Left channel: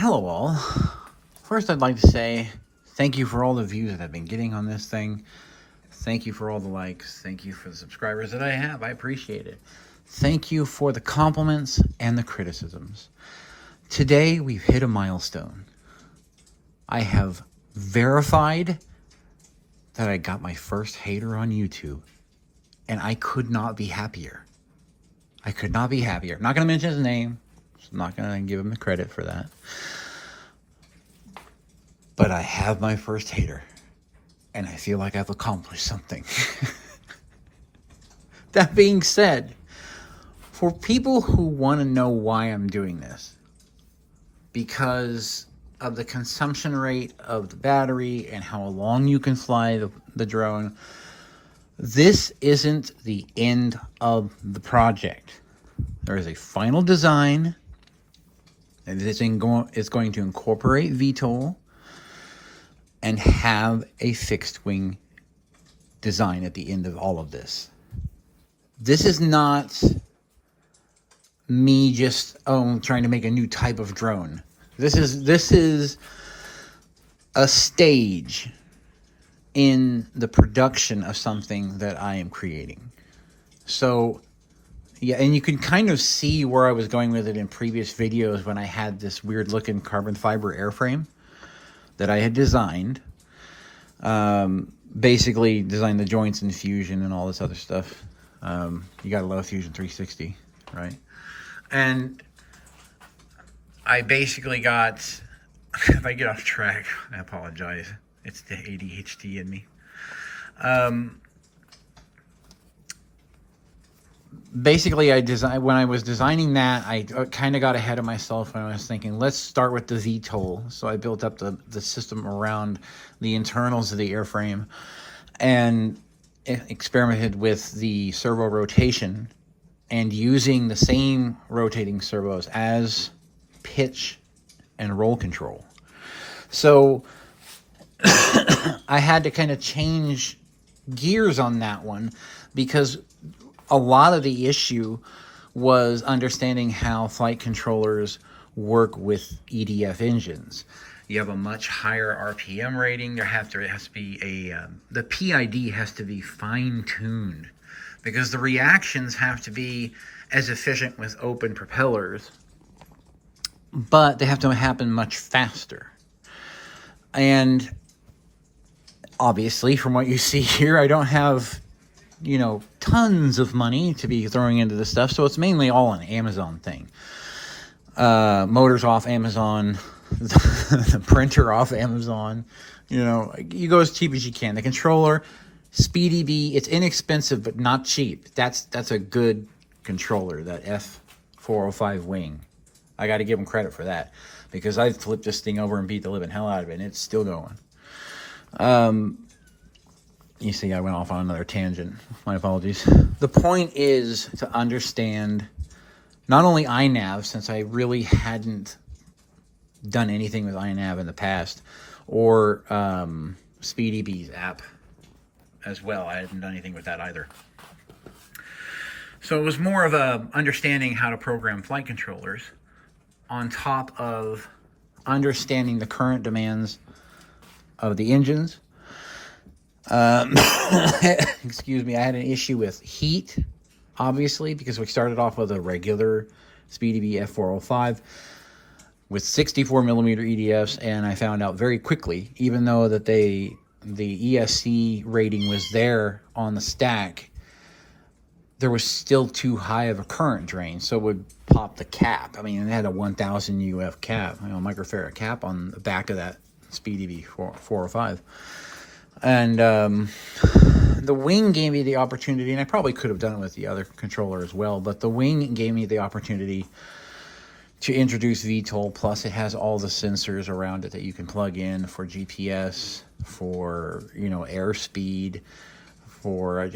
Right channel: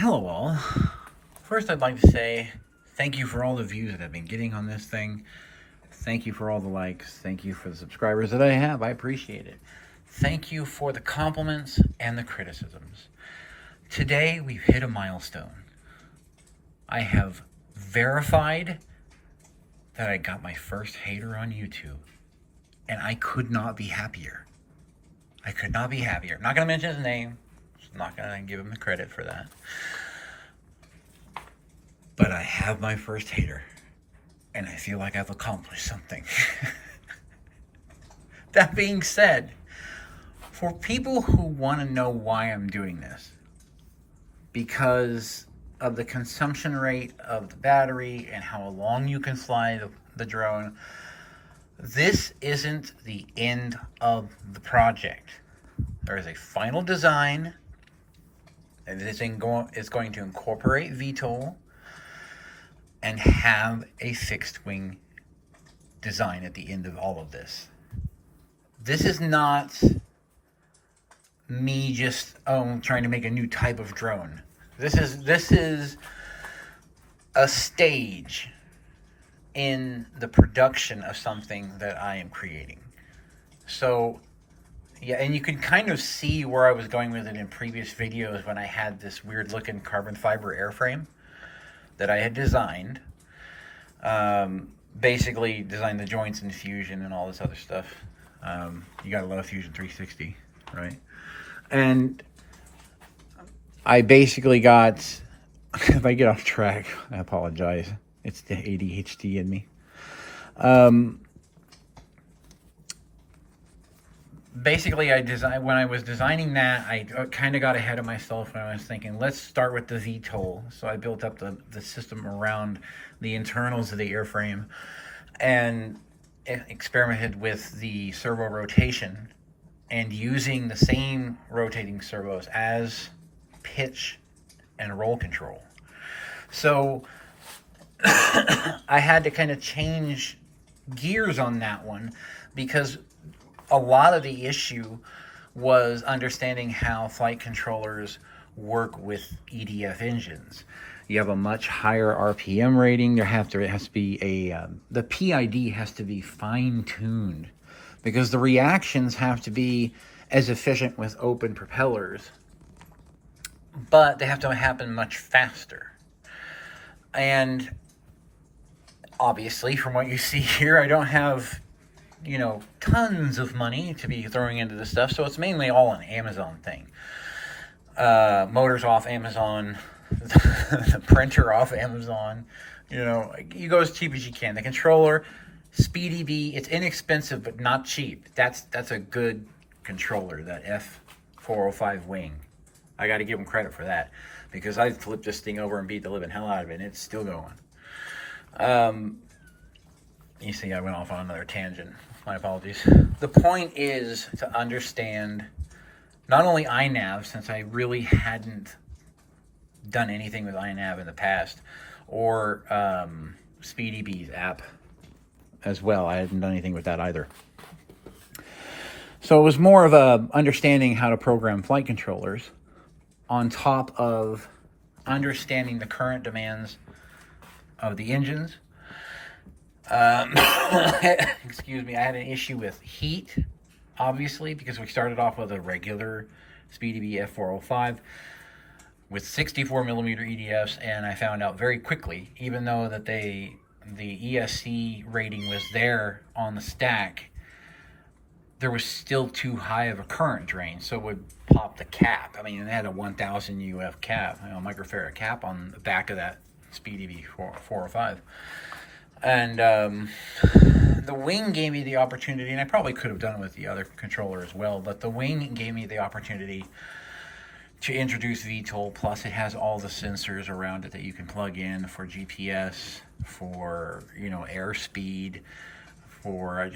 Hello all. First I'd like to say thank you for all the views that I've been getting on this thing. Thank you for all the likes. Thank you for the subscribers that I have. I appreciate it. Thank you for the compliments and the criticisms. Today we've hit a milestone. I have verified that I got my first hater on YouTube, and I could not be happier. I could not be happier. I'm not going to mention his name. So I'm not going to give him the credit for that. But I have my first hater, and I feel like I've accomplished something. That being said, for people who want to know why I'm doing this, because of the consumption rate of the battery and how long you can fly the drone, this isn't the end of the project. There is a final design, and it's going to incorporate VTOL and have a fixed wing design at the end of all of this. This is not me just trying to make a new type of drone. This is a stage in the production of something that I am creating. So yeah, and you can kind of see where I was going with it in previous videos when I had this weird looking carbon fiber airframe that I had designed. Basically designed the joints and Fusion and all this other stuff. You gotta love Fusion 360, right? And I basically got, if I get off track, I apologize. It's the ADHD in me. Basically, when I was designing that, I kind of got ahead of myself when I was thinking, let's start with the VTOL. So I built up the system around the internals of the airframe and experimented with the servo rotation and using the same rotating servos as pitch and roll control. So I had to kind of change gears on that one because a lot of the issue was understanding how flight controllers work with EDF engines. You have a much higher RPM rating. It has to be the PID has to be fine-tuned because the reactions have to be as efficient with open propellers, but they have to happen much faster. And obviously, from what you see here, I don't have tons of money to be throwing into this stuff, so it's mainly all an Amazon thing. Motors off Amazon, the printer off Amazon. You go as cheap as you can. The controller, Speedy B, it's inexpensive but not cheap. That's a good controller, that F405 wing. I got to give them credit for that because I flipped this thing over and beat the living hell out of it, and it's still going. You see, I went off on another tangent. My apologies. The point is to understand not only iNav, since I really hadn't done anything with iNav in the past, or Speedy B's app as well. I hadn't done anything with that either. So it was more of a understanding how to program flight controllers on top of understanding the current demands of the engines. Excuse me, I had an issue with heat, obviously, because we started off with a regular Speedy B F405 with 64 millimeter EDFs, and I found out very quickly, even though that the ESC rating was there on the stack, there was still too high of a current drain, so it would pop the cap. I mean, it had a 1000 UF cap, microfarad cap on the back of that Speedy B 405. And the wing gave me the opportunity, and I probably could have done it with the other controller as well, but the wing gave me the opportunity to introduce VTOL, plus it has all the sensors around it that you can plug in for GPS, for, airspeed, for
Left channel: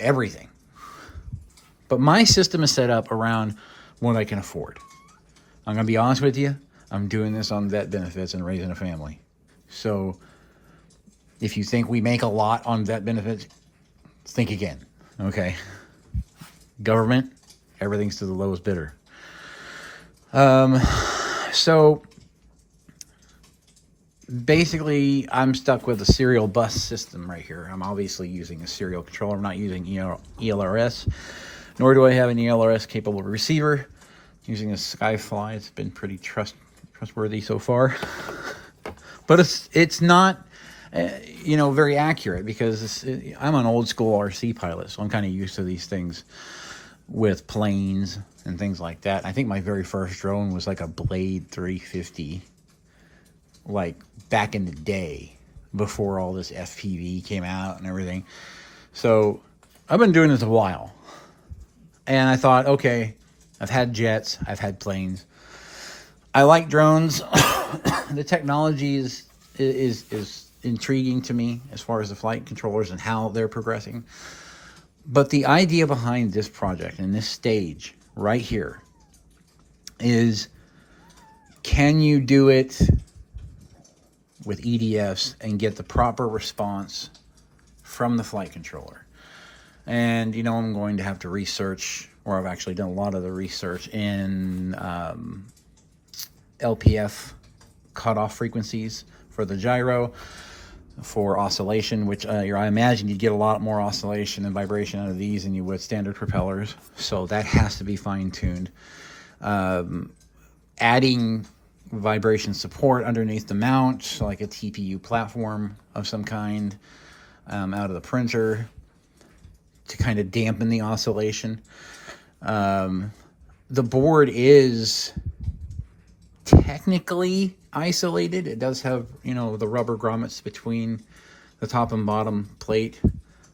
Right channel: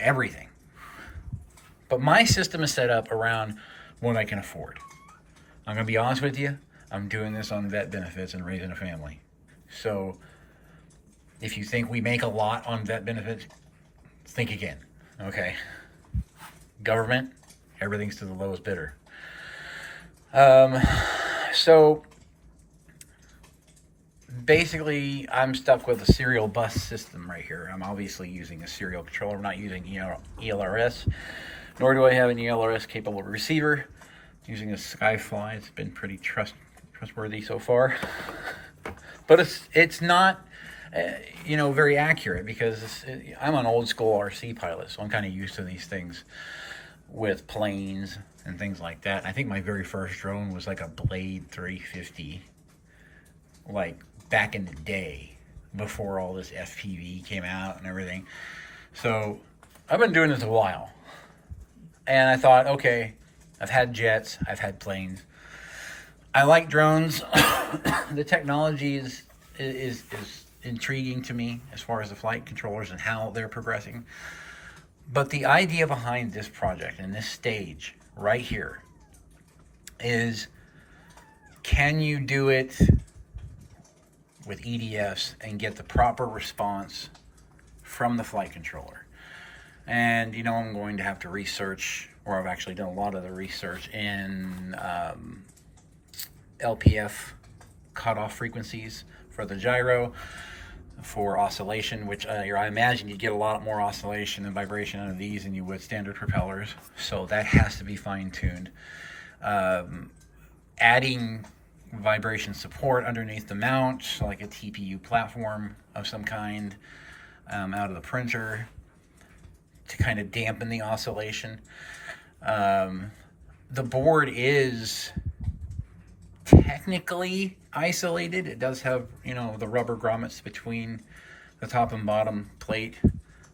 everything. But my system is set up around what I can afford. I'm going to be honest with you, I'm doing this on vet benefits and raising a family. So if you think we make a lot on vet benefits, think again, okay? Government, everything's to the lowest bidder. So basically, I'm stuck with a serial bus system right here. I'm obviously using a serial controller. I'm not using ELRS, nor do I have an ELRS capable receiver. Using a Skyfly. It's been pretty trustworthy so far, but it's not very accurate, because I'm an old school RC pilot, so I'm kind of used to these things with planes and things like that. I think my very first drone was like a Blade 350, like back in the day, before all this FPV came out and everything. So I've been doing this a while, and I thought, okay, I've had jets, I've had planes, I like drones. The technology is intriguing to me as far as the flight controllers and how they're progressing. But the idea behind this project and this stage right here is, can you do it with EDFs and get the proper response from the flight controller? And I'm going to have to research, or I've actually done a lot of the research in LPF cutoff frequencies for the gyro, for oscillation, which I imagine you get a lot more oscillation and vibration out of these than you would standard propellers. So that has to be fine-tuned. Adding vibration support underneath the mount, so like a TPU platform of some kind, out of the printer, to kind of dampen the oscillation. The board is technically isolated. It does have, the rubber grommets between the top and bottom plate,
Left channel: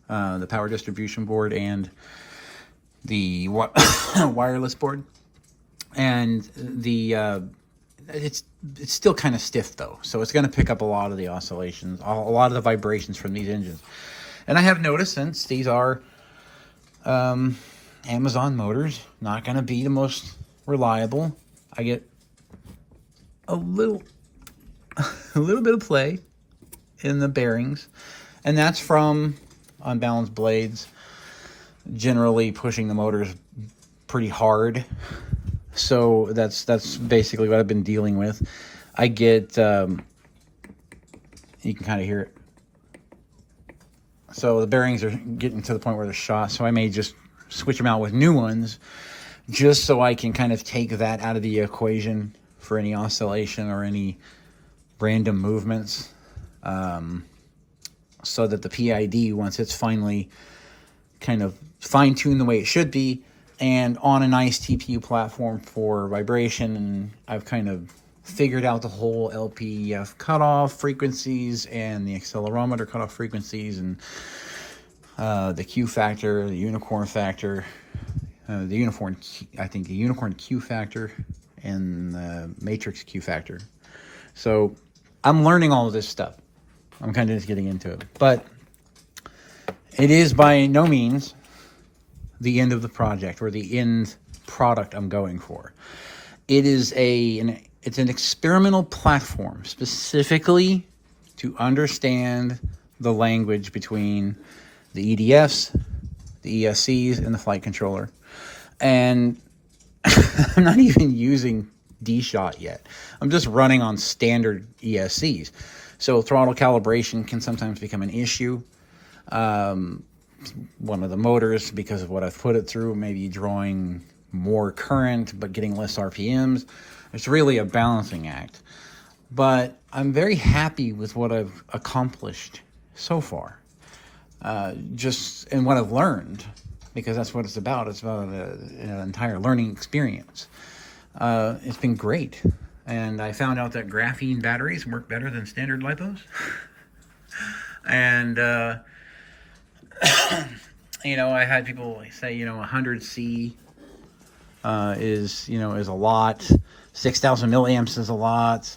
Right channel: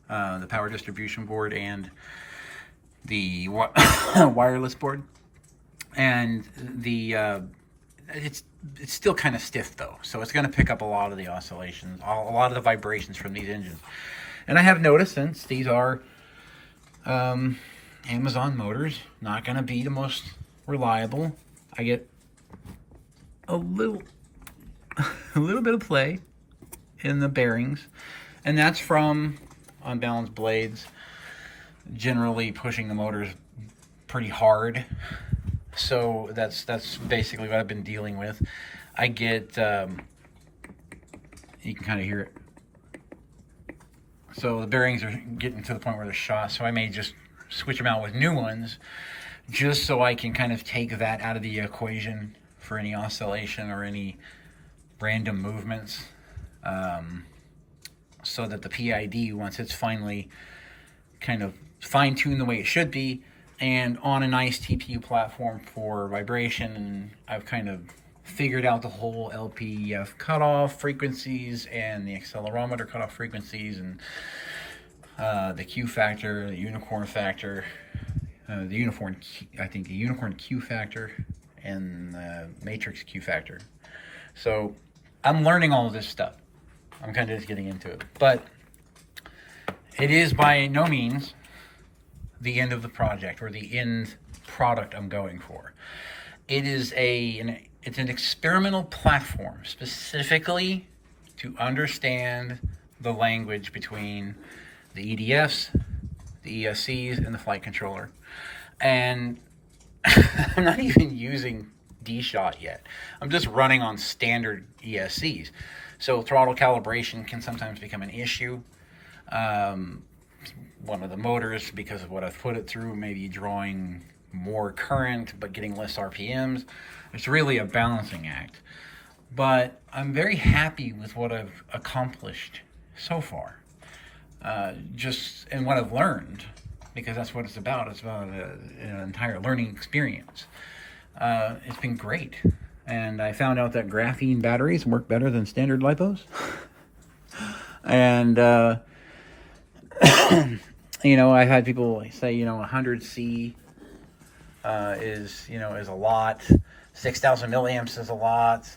the power distribution board, and the wireless board. And it's still kind of stiff though, so it's going to pick up a lot of the oscillations, a lot of the vibrations from these engines. And I have noticed, since these are Amazon motors, not going to be the most reliable, I get a little bit of play in the bearings, and that's from unbalanced blades generally pushing the motors pretty hard. So that's basically what I've been dealing with. I get you can kind of hear it. So the bearings are getting to the point where they're shot, so I may just switch them out with new ones, just so I can kind of take that out of the equation for any oscillation or any random movements, so that the PID, once it's finally kind of fine-tuned the way it should be, and on a nice TPU platform for vibration, and I've kind of figured out the whole LPF cutoff frequencies and the accelerometer cutoff frequencies, and the Q factor, the unicorn factor, I think the unicorn Q factor, and the matrix Q factor. So I'm learning all of this stuff. I'm kind of just getting into it, but it is by no means the end of the project or the end product I'm going for. It is it's an experimental platform specifically to understand the language between the EDFs, the ESCs, and the flight controller. And I'm not even using D-Shot yet. I'm just running on standard ESCs. So throttle calibration can sometimes become an issue. One of the motors, because of what I've put it through, maybe drawing more current but getting less RPMs. It's really a balancing act. But I'm very happy with what I've accomplished so far. Just in what I've learned, because that's what it's about. It's about an entire learning experience. It's been great. And I found out that graphene batteries work better than standard lipos. And, I've had people say, 100C is a lot. 6,000 milliamps is a lot.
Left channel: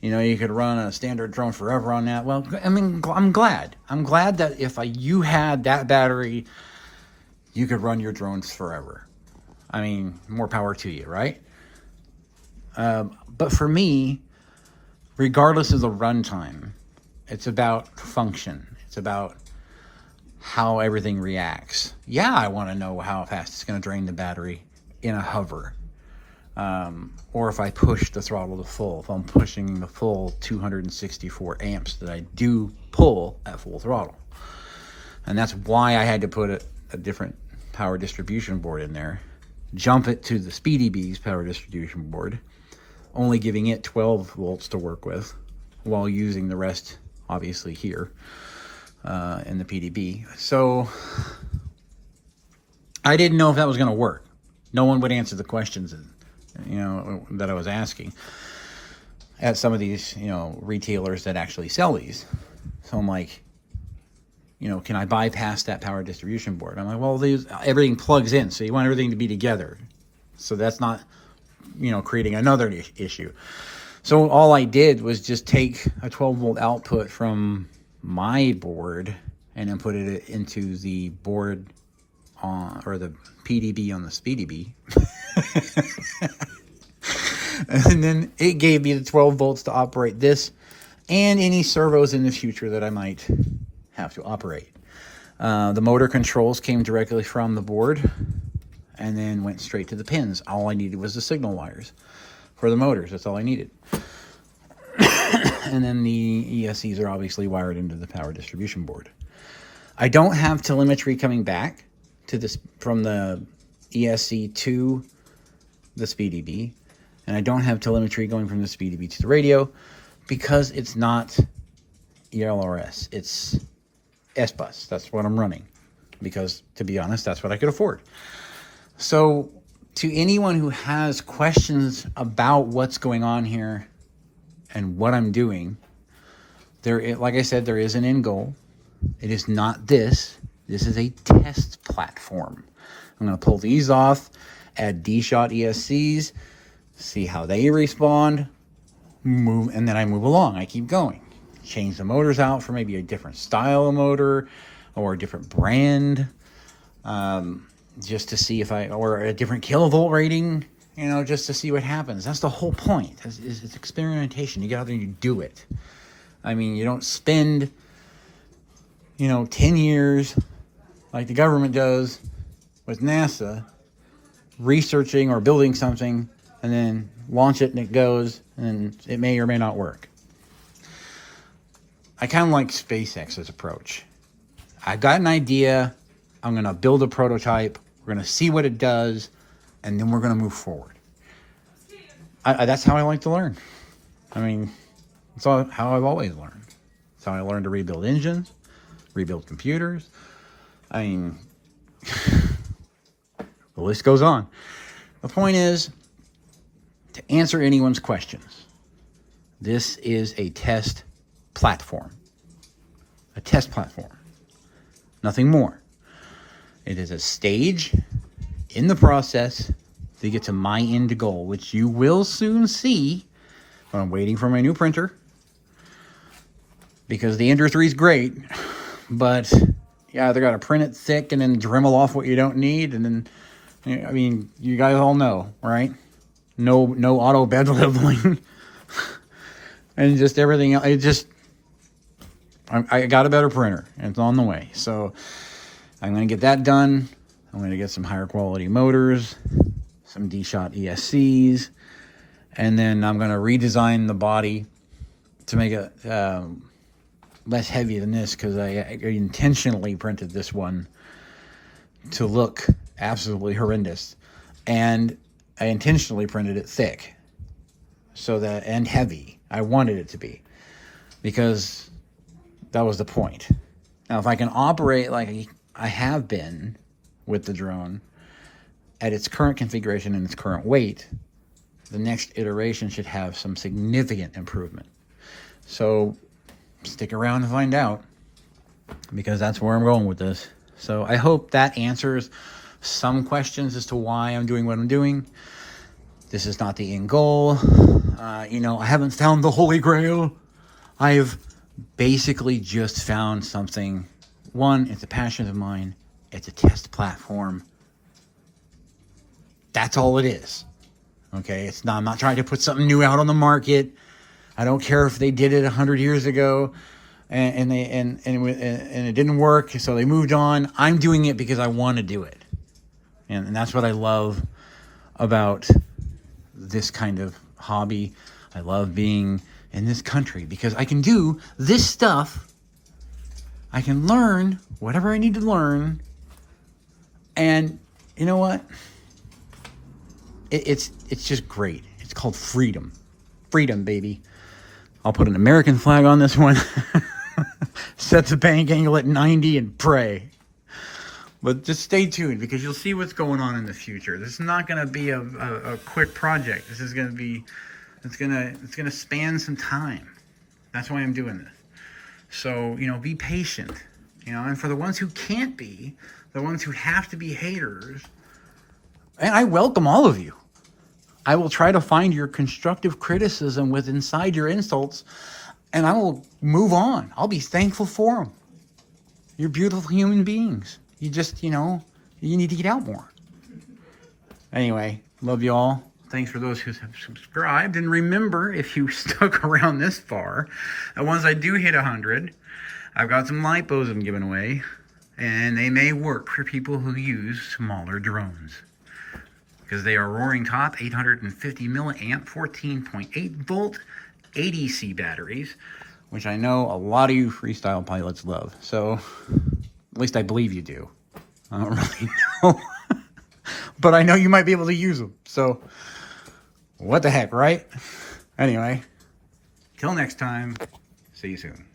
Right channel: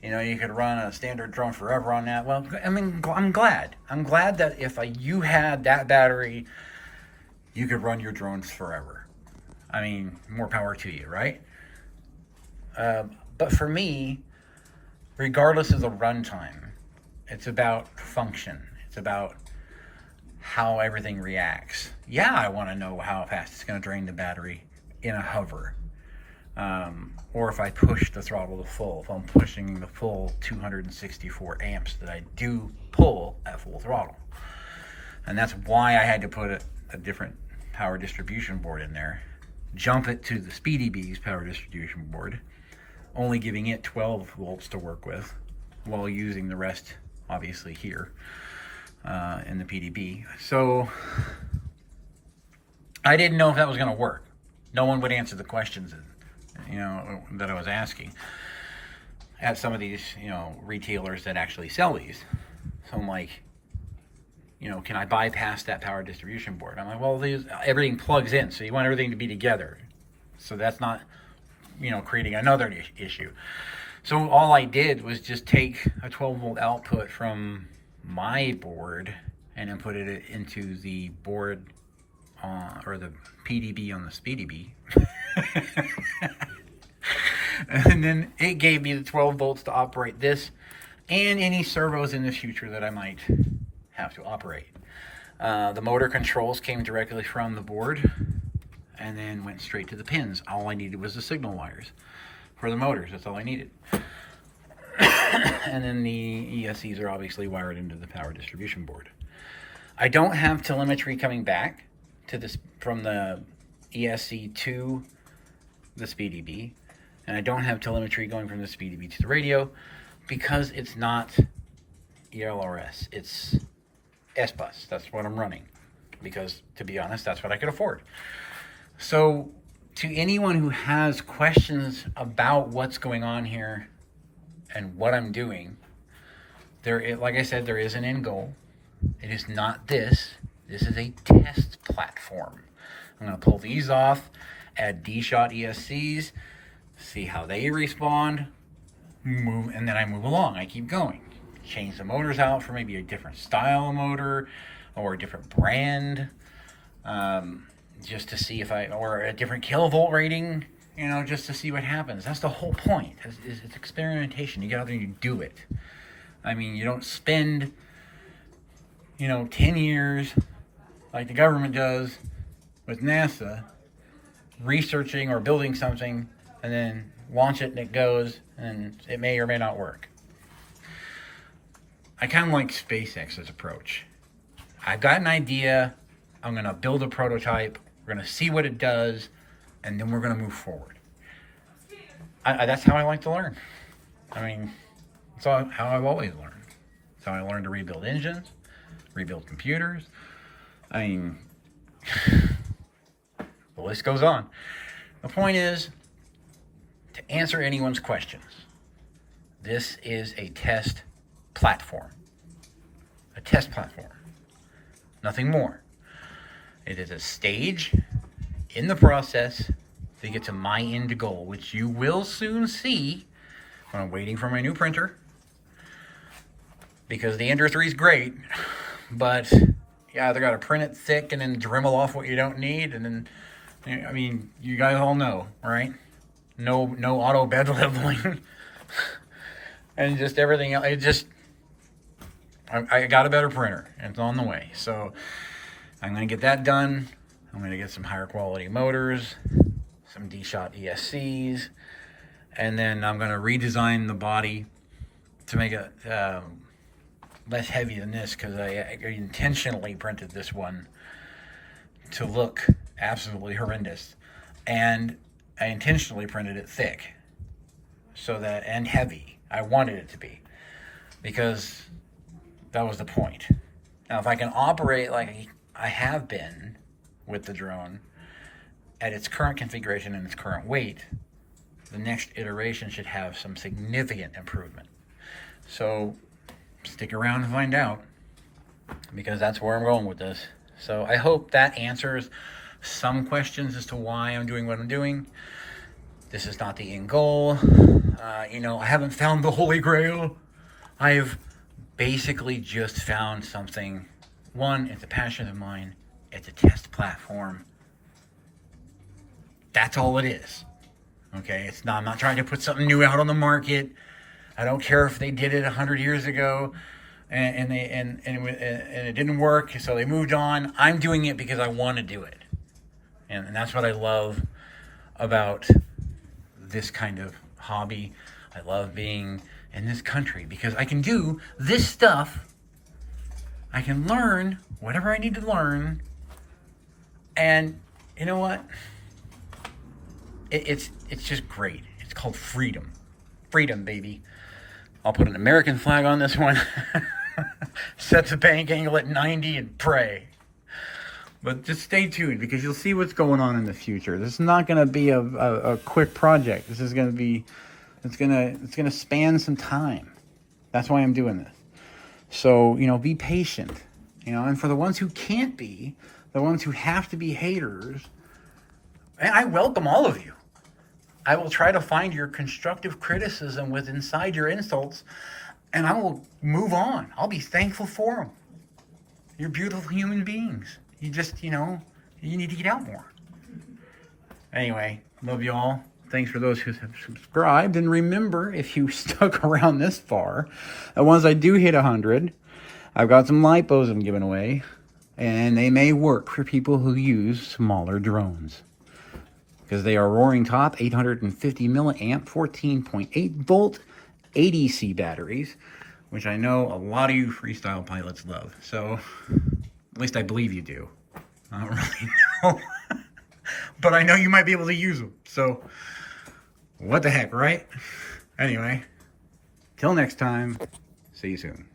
You could run a standard drone forever on that. Well, I mean, I'm glad. I'm glad that if you had that battery, you could run your drones forever. I mean, more power to you, right? But for me, regardless of the runtime, it's about function. It's about how everything reacts. Yeah, I want to know how fast it's going to drain the battery in a hover. or if I push the throttle to full. If I'm pushing the full 264 amps that I do pull at full throttle. And that's why I had to put a different power distribution board in there, jump it to the SpeedyB's power distribution board, only giving it 12 volts to work with, while using the rest, obviously, here in the PDB. So I didn't know if that was going to work. No one would answer the questions, that I was asking at some of these, retailers that actually sell these. So I'm like, can I bypass that power distribution board? I'm like, well, everything plugs in, so you want everything to be together. So that's not, creating another issue. So all I did was just take a 12 volt output from my board and then put it into the board or the PDB on the SpeedyB. And then it gave me the 12 volts to operate this and any servos in the future that I might have to operate. The motor controls came directly from the board and then went straight to the pins. All I needed was the signal wires for the motors. That's all I needed. And then the ESCs are obviously wired into the power distribution board. I don't have telemetry coming back to this from the ESC to the SpeedyB, and I don't have telemetry going from the SpeedyB to the radio because it's not ELRS. It's S-Bus. That's what I'm running because, to be honest, that's what I could afford. So to anyone who has questions about what's going on here and what I'm doing, like I said, there is an end goal. It is not this. This is a test platform. I'm going to pull these off, add D-shot ESCs, see how they respond, move, and then I move along. I keep going. Change the motors out for maybe a different style of motor or a different brand, just to see or a different kilovolt rating, just to see what happens. That's the whole point. It's experimentation. You get out there and you do it. I mean, you don't spend, 10 years like the government does with NASA researching or building something and then launch it and it goes and it may or may not work. I kind of like SpaceX's approach. I've got an idea. I'm going to build a prototype. We're going to see what it does, and then we're going to move forward. That's how I like to learn. I mean, that's how I've always learned. That's how I learned to rebuild engines, rebuild computers. I mean, the list goes on. The point is, to answer anyone's questions, this is a test platform. A test platform. Nothing more. It is a stage in the process to get to my end goal, which you will soon see. But I'm waiting for my new printer because the Ender 3 is great, but yeah, they're gonna print it thick and then Dremel off what you don't need, and then I mean, you guys all know, right? No auto bed leveling, and just everything. I got a better printer, and it's on the way. So I'm going to get that done. I'm going to get some higher quality motors, some D-shot ESCs, and then I'm going to redesign the body to make it less heavy than this, because I intentionally printed this one to look absolutely horrendous, and I intentionally printed it thick and heavy. I wanted it to be, because that was the point. Now, if I can operate like I have been with the drone at its current configuration and its current weight, the next iteration should have some significant improvement. So stick around to find out, because that's where I'm going with this. So I hope that answers some questions as to why I'm doing what I'm doing. This is not the end goal. I haven't found the Holy Grail. I've basically just found something. One, it's a passion of mine. It's a test platform. That's all it is. Okay, I'm not trying to put something new out on the market. I don't care if they did it 100 years ago and it didn't work, so they moved on. I'm doing it because I want to do it. And that's what I love about this kind of hobby. I love being in this country because I can do this stuff. I can learn whatever I need to learn. And you know what? It's just great. It's called freedom. Freedom, baby. I'll put an American flag on this one. Set the bank angle at 90 and pray. But just stay tuned because you'll see what's going on in the future. This is not going to be a quick project. This is going to be, it's going to span some time. That's why I'm doing this. So, you know, be patient, you know, and for the ones who can't be, the ones who have to be haters, and I welcome all of you. I will try to find your constructive criticism with inside your insults, and I will move on. I'll be thankful for them. You're beautiful human beings. You just, you know, you need to get out more. Anyway, love you all. Thanks for those who have subscribed. And remember, if you stuck around this far, that once I do hit 100, I've got some lipos I'm giving away. And they may work for people who use smaller drones. Because they are roaring top, 850 milliamp, 14.8 volt ADC batteries. Which I know a lot of you freestyle pilots love. So, at least I believe you do. I don't really know. But I know you might be able to use them. So, what the heck, right? Anyway, till next time, see you soon.